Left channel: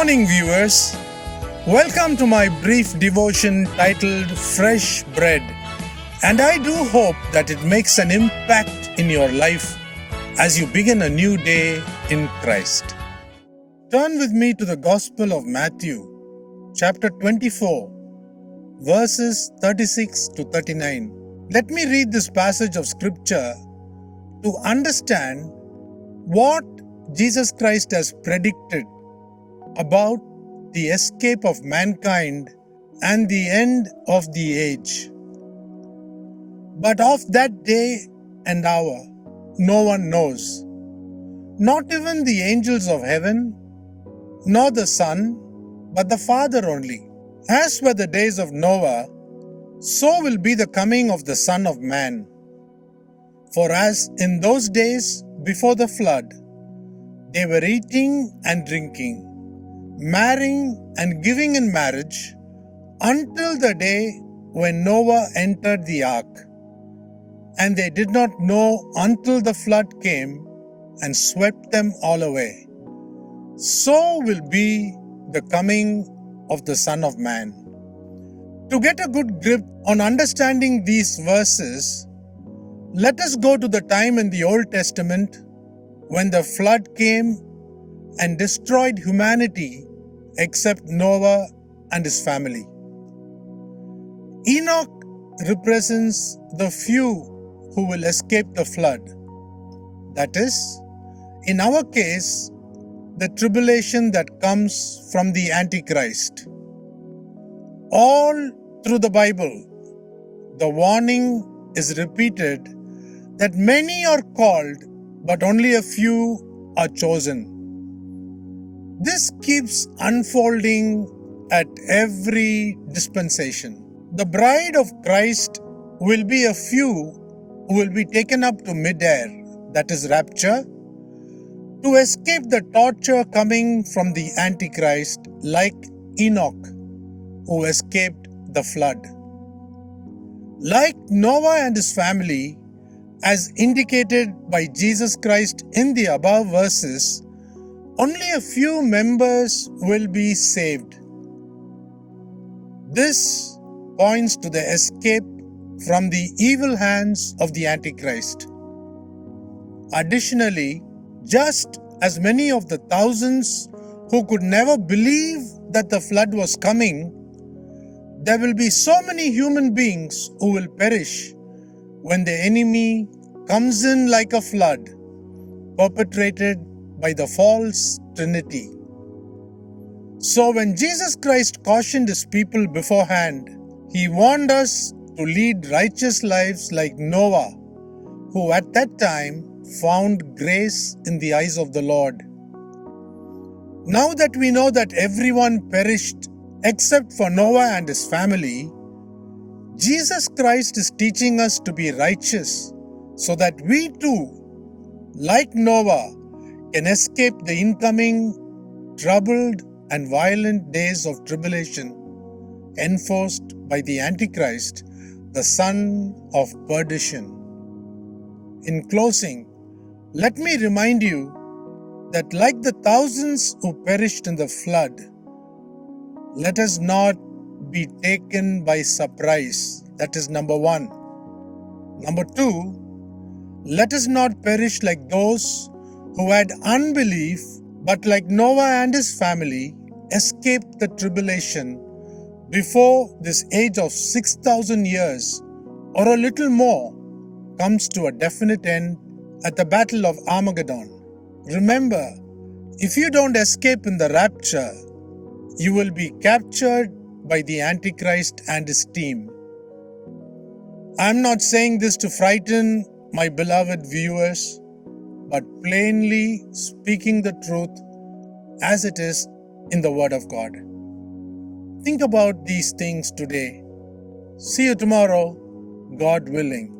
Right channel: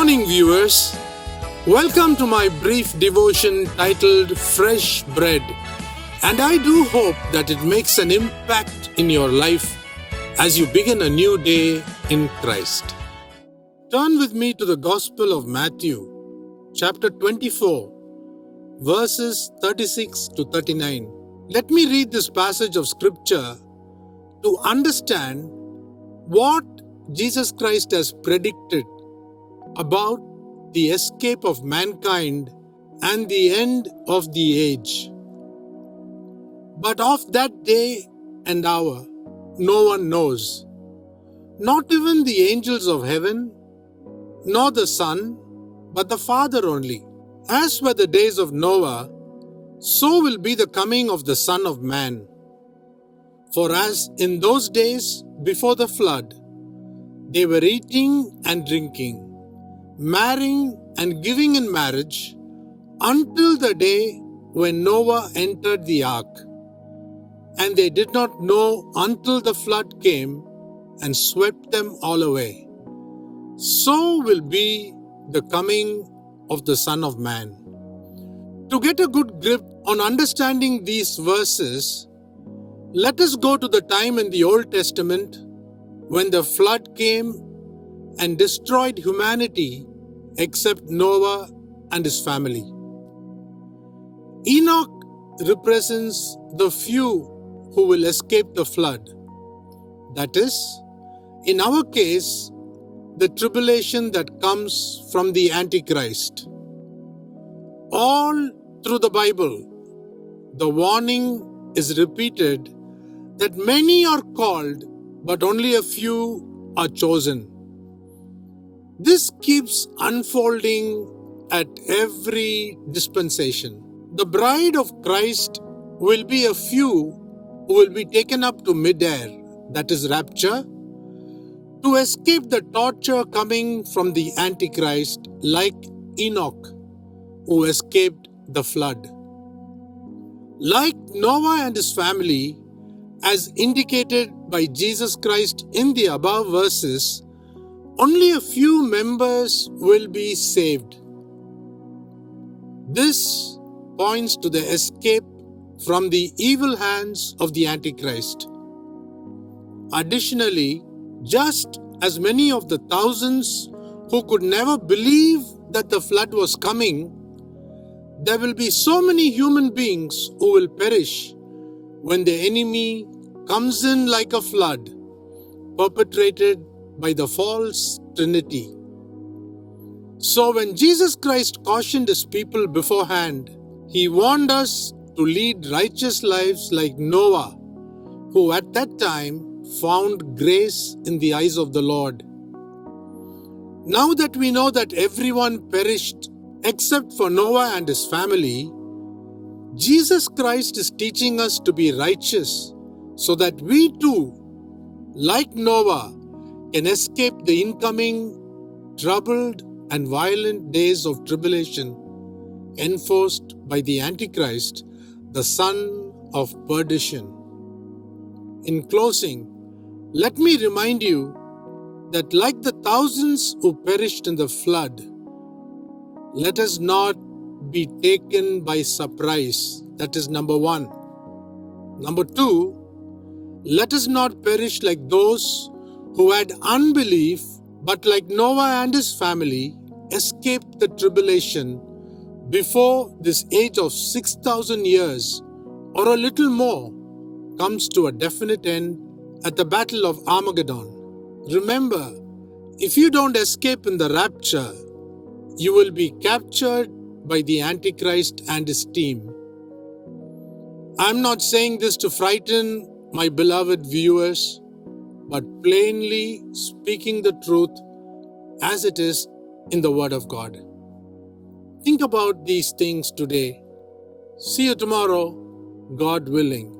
morning, viewers. Welcome to my brief devotion titled Fresh Bread. And I do hope that it makes an impact in your life as you begin a new day in Christ. Turn with me to the Gospel of Matthew, chapter 24, verses 36 to 39. Let me read this passage of scripture to understand what Jesus Christ has predicted about the escape of mankind and the end of the age. But of that day and hour, no one knows, not even the angels of heaven, nor the Son, but the Father only. As were the days of Noah, so will be the coming of the Son of Man. For as in those days before the flood, they were eating and drinking, marrying and giving in marriage, until the day when Noah entered the ark. And they did not know until the flood came and swept them all away. So will be the coming of the Son of Man. To get a good grip on understanding these verses, let us go to the time in the Old Testament when the flood came and destroyed humanity except Noah and his family. Enoch represents the few who will escape the flood. That is, in our case, the tribulation that comes from the Antichrist. All through the Bible, the warning is repeated that many are called, but only a few are chosen. This keeps unfolding at every dispensation. The bride of Christ will be a few who will be taken up to mid-air, that is rapture, to escape the torture coming from the Antichrist, like Enoch, who escaped the flood. Like Noah and his family, as indicated by Jesus Christ in the above verses, only a few members will be saved. This points to the escape from the evil hands of the Antichrist. Additionally, just as many of the thousands who could never believe that the flood was coming, there will be so many human beings who will perish when the enemy comes in like a flood, perpetrated by the false Trinity. So when Jesus Christ cautioned his people beforehand, he warned us to lead righteous lives like Noah, who at that time found grace in the eyes of the Lord. Now that we know that everyone perished except for Noah and his family, Jesus Christ is teaching us to be righteous so that we too, like Noah, can escape the incoming troubled and violent days of tribulation enforced by the Antichrist, the son of perdition. In closing, let me remind you that like the thousands who perished in the flood, let us not be taken by surprise. That is number one. Number two, let us not perish like those who had unbelief, but like Noah and his family, escaped the tribulation before this age of 6,000 years or a little more comes to a definite end at the Battle of Armageddon. Remember, if you don't escape in the rapture, you will be captured by the Antichrist and his team. I'm not saying this to frighten my beloved viewers, but plainly speaking the truth as it is in the Word of God. Think about these things today. See you tomorrow, God willing.